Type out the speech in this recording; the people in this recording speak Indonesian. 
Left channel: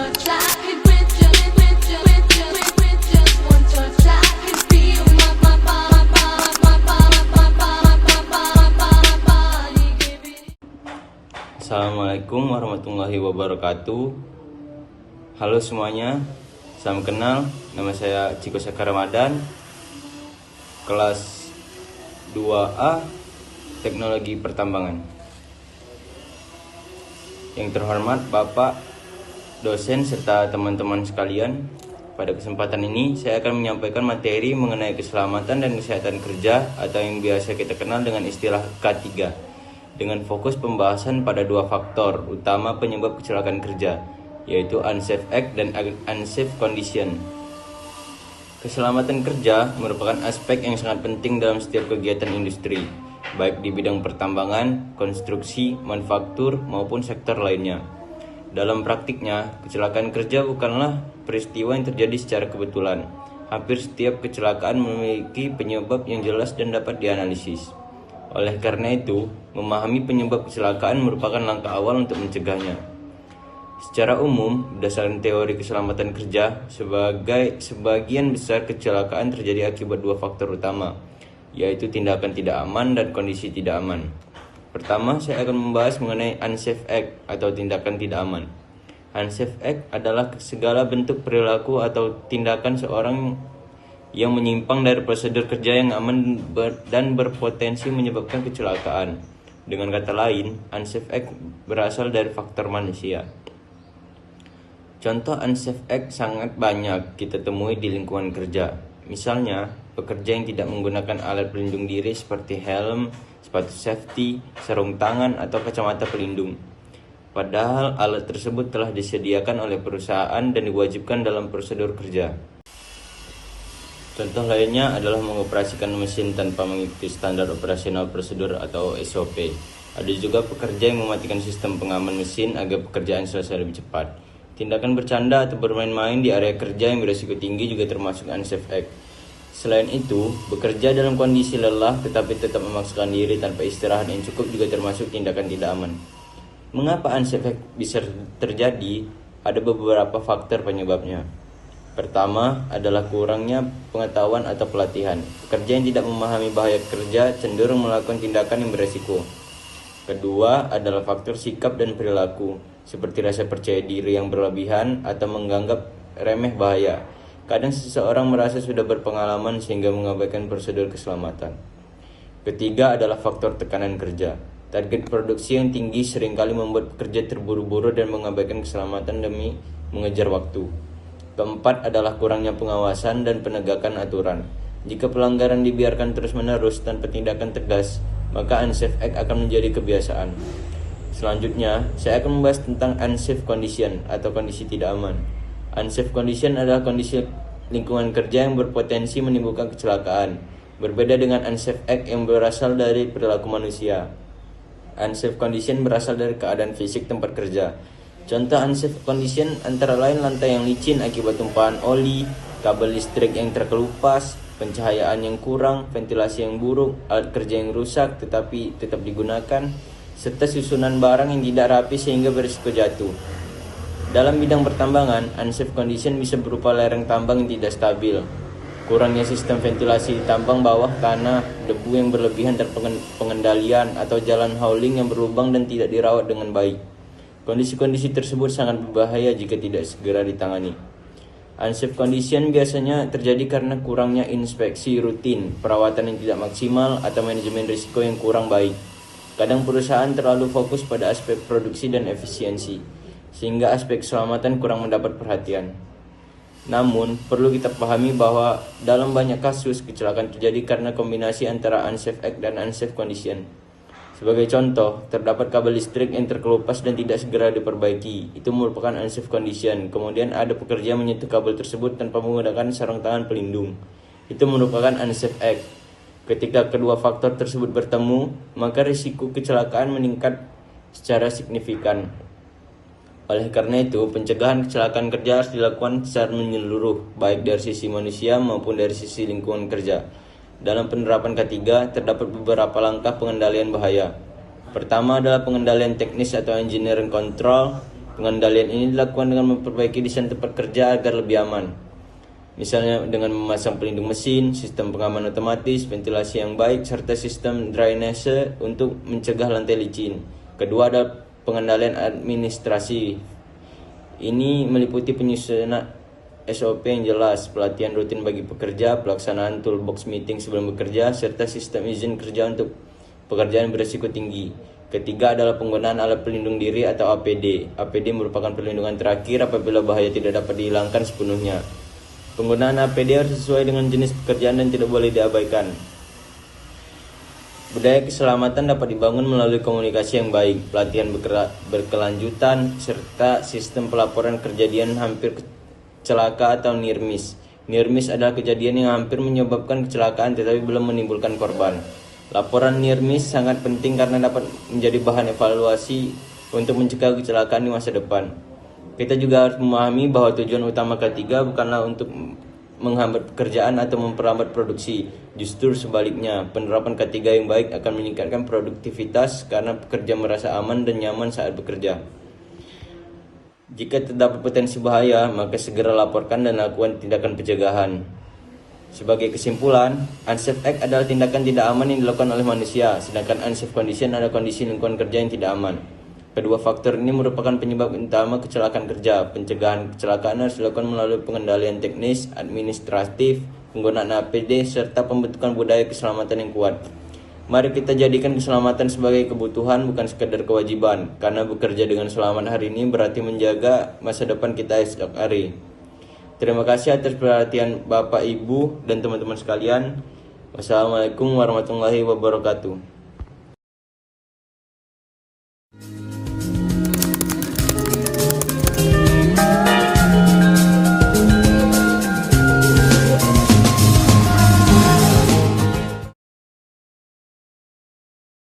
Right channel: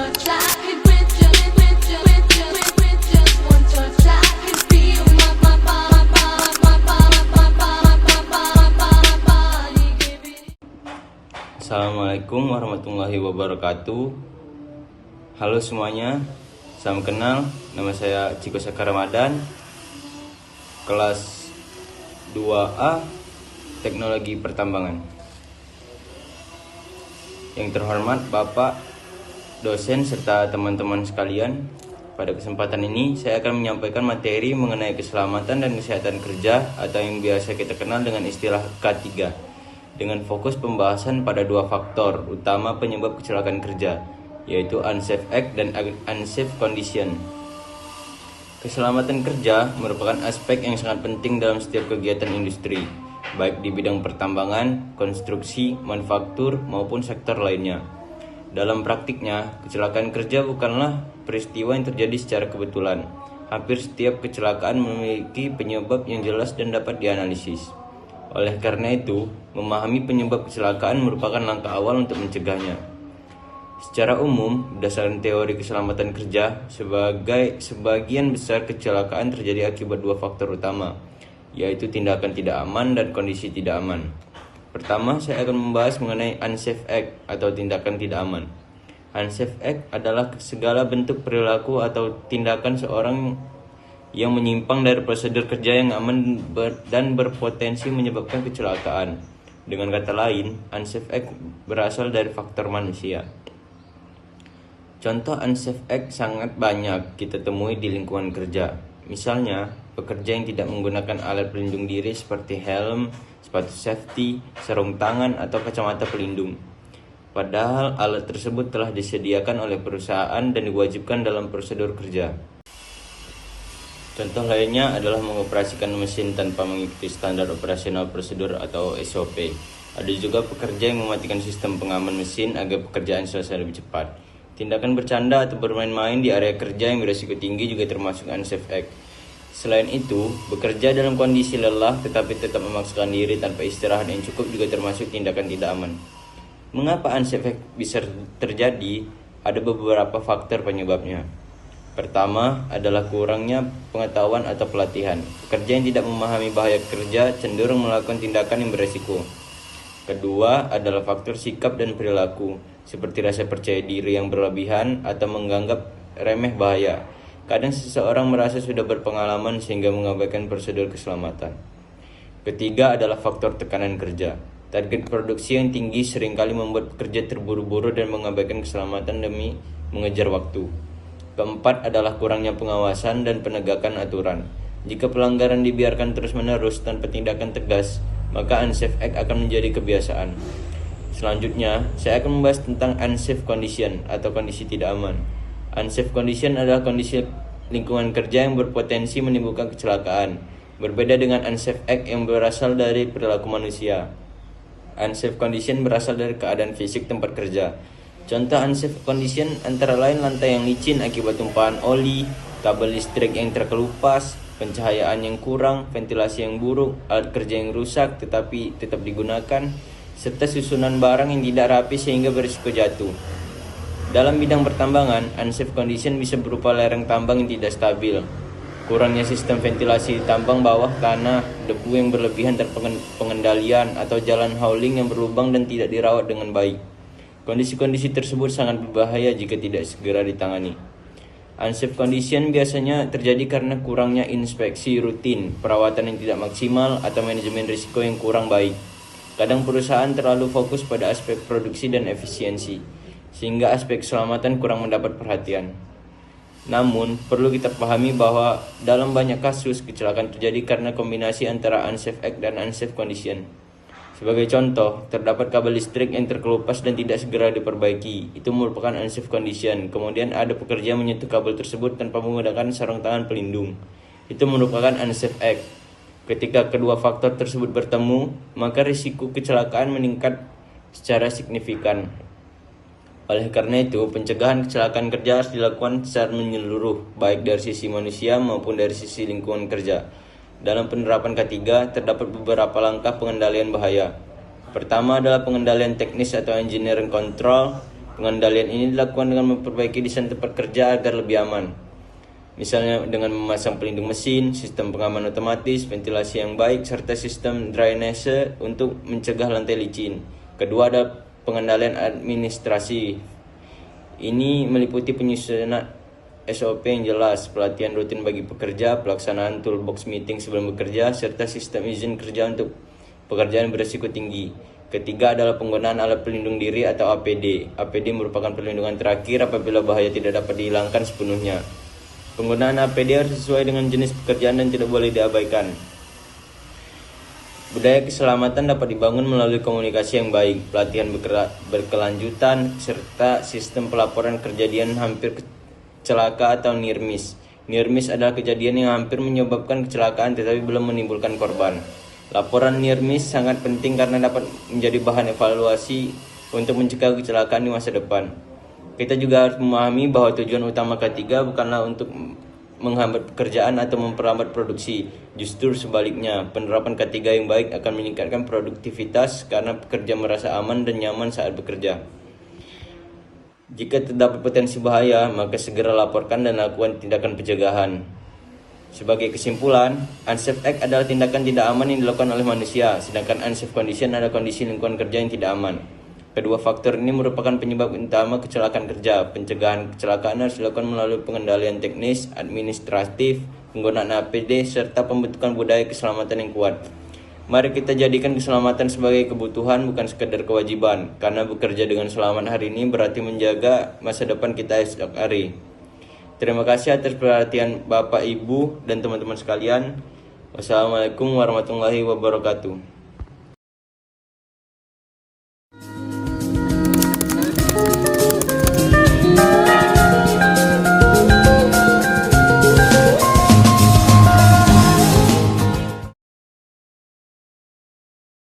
touch, I could with just one touch, I could feel my body giving. Assalamualaikum warahmatullahi wabarakatuh. Halo semuanya, salam kenal. Nama saya Ciko Saka Ramadan, kelas 2A Teknologi Pertambangan. Yang terhormat Bapak, dosen, serta teman-teman sekalian, pada kesempatan ini saya akan menyampaikan materi mengenai keselamatan dan kesehatan kerja atau yang biasa kita kenal dengan istilah K3, dengan fokus pembahasan pada dua faktor utama penyebab kecelakaan kerja, yaitu unsafe act dan unsafe condition. Keselamatan kerja merupakan aspek yang sangat penting dalam setiap kegiatan industri, baik di bidang pertambangan, konstruksi, manufaktur, maupun sektor lainnya. Dalam praktiknya, kecelakaan kerja bukanlah peristiwa yang terjadi secara kebetulan. Hampir setiap kecelakaan memiliki penyebab yang jelas dan dapat dianalisis. Oleh karena itu, memahami penyebab kecelakaan merupakan langkah awal untuk mencegahnya. Secara umum, berdasarkan teori keselamatan kerja, sebagian besar kecelakaan terjadi akibat dua faktor utama, yaitu tindakan tidak aman dan kondisi tidak aman. Pertama, saya akan membahas mengenai unsafe act atau tindakan tidak aman. Unsafe act adalah segala bentuk perilaku atau tindakan seorang yang menyimpang dari prosedur kerja yang aman dan berpotensi menyebabkan kecelakaan. Dengan kata lain, unsafe act berasal dari faktor manusia. Contoh unsafe act sangat banyak kita temui di lingkungan kerja. Misalnya, pekerja yang tidak menggunakan alat pelindung diri seperti helm, sepatu safety, sarung tangan, atau kacamata pelindung. Padahal alat tersebut telah disediakan oleh perusahaan dan diwajibkan dalam prosedur kerja. Contoh lainnya adalah mengoperasikan mesin tanpa mengikuti standar operasional prosedur atau SOP. Ada juga pekerja yang mematikan sistem pengaman mesin agar pekerjaan selesai lebih cepat. Tindakan bercanda atau bermain-main di area kerja yang berisiko tinggi juga termasuk unsafe act. Selain itu, bekerja dalam kondisi lelah tetapi tetap memaksakan diri tanpa istirahat yang cukup juga termasuk tindakan tidak aman. Mengapa unsafe act bisa terjadi? Ada beberapa faktor penyebabnya. Pertama adalah kurangnya pengetahuan atau pelatihan. Pekerja yang tidak memahami bahaya kerja cenderung melakukan tindakan yang beresiko. Kedua adalah faktor sikap dan perilaku, seperti rasa percaya diri yang berlebihan atau menganggap remeh bahaya. Kadang seseorang merasa sudah berpengalaman sehingga mengabaikan prosedur keselamatan. Ketiga adalah faktor tekanan kerja. Target produksi yang tinggi seringkali membuat pekerja terburu-buru dan mengabaikan keselamatan demi mengejar waktu. Keempat adalah kurangnya pengawasan dan penegakan aturan. Jika pelanggaran dibiarkan terus-menerus tanpa tindakan tegas, maka unsafe act akan menjadi kebiasaan. Selanjutnya, saya akan membahas tentang unsafe condition atau kondisi tidak aman. Unsafe condition adalah kondisi lingkungan kerja yang berpotensi menimbulkan kecelakaan, berbeda dengan unsafe act yang berasal dari perilaku manusia. Unsafe condition berasal dari keadaan fisik tempat kerja. Contoh unsafe condition antara lain lantai yang licin akibat tumpahan oli, kabel listrik yang terkelupas, pencahayaan yang kurang, ventilasi yang buruk, alat kerja yang rusak tetapi tetap digunakan, serta susunan barang yang tidak rapi sehingga berisiko jatuh. Dalam bidang pertambangan, unsafe condition bisa berupa lereng tambang yang tidak stabil, kurangnya sistem ventilasi di tambang bawah tanah, debu yang berlebihan tanpa pengendalian, atau jalan hauling yang berlubang dan tidak dirawat dengan baik. Kondisi-kondisi tersebut sangat berbahaya jika tidak segera ditangani. Unsafe condition biasanya terjadi karena kurangnya inspeksi rutin, perawatan yang tidak maksimal, atau manajemen risiko yang kurang baik. Kadang perusahaan terlalu fokus pada aspek produksi dan efisiensi, sehingga aspek keselamatan kurang mendapat perhatian. Namun, perlu kita pahami bahwa dalam banyak kasus kecelakaan terjadi karena kombinasi antara unsafe act dan unsafe condition. Sebagai contoh, terdapat kabel listrik yang terkelupas dan tidak segera diperbaiki. Itu merupakan unsafe condition. Kemudian ada pekerja menyentuh kabel tersebut tanpa menggunakan sarung tangan pelindung. Itu merupakan unsafe act. Ketika kedua faktor tersebut bertemu, maka risiko kecelakaan meningkat secara signifikan. Oleh karena itu, pencegahan kecelakaan kerja harus dilakukan secara menyeluruh, baik dari sisi manusia maupun dari sisi lingkungan kerja. Dalam penerapan K3, terdapat beberapa langkah pengendalian bahaya. Pertama adalah pengendalian teknis atau engineering control. Pengendalian ini dilakukan dengan memperbaiki desain tempat kerja agar lebih aman. Misalnya dengan memasang pelindung mesin, sistem pengaman otomatis, ventilasi yang baik, serta sistem drainase untuk mencegah lantai licin. Kedua ada pengendalian administrasi. Ini meliputi penyusunan SOP yang jelas, pelatihan rutin bagi pekerja, pelaksanaan toolbox meeting sebelum bekerja, serta sistem izin kerja untuk pekerjaan berisiko tinggi. Ketiga adalah penggunaan alat pelindung diri atau APD. APD merupakan perlindungan terakhir apabila bahaya tidak dapat dihilangkan sepenuhnya. Penggunaan APD harus sesuai dengan jenis pekerjaan dan tidak boleh diabaikan. Budaya keselamatan dapat dibangun melalui komunikasi yang baik, pelatihan berkelanjutan, serta sistem pelaporan kejadian hampir celaka atau near miss. Near miss adalah kejadian yang hampir menyebabkan kecelakaan tetapi belum menimbulkan korban. Laporan near miss sangat penting karena dapat menjadi bahan evaluasi untuk mencegah kecelakaan di masa depan. Kita juga harus memahami bahwa tujuan utama K3 bukanlah untuk menghambat pekerjaan atau memperlambat produksi. Justru sebaliknya, penerapan K3 yang baik akan meningkatkan produktivitas karena pekerja merasa aman dan nyaman saat bekerja. Jika terdapat potensi bahaya, maka segera laporkan dan lakukan tindakan pencegahan. Sebagai kesimpulan, unsafe act adalah tindakan tidak aman yang dilakukan oleh manusia, sedangkan unsafe condition adalah kondisi lingkungan kerja yang tidak aman. Kedua faktor ini merupakan penyebab utama kecelakaan kerja. Pencegahan kecelakaan harus dilakukan melalui pengendalian teknis, administratif, penggunaan APD, serta pembentukan budaya keselamatan yang kuat. Mari kita jadikan keselamatan sebagai kebutuhan bukan sekadar kewajiban, karena bekerja dengan selamat hari ini berarti menjaga masa depan kita esok hari. Terima kasih atas perhatian Bapak, Ibu, dan teman-teman sekalian. Wassalamualaikum warahmatullahi wabarakatuh.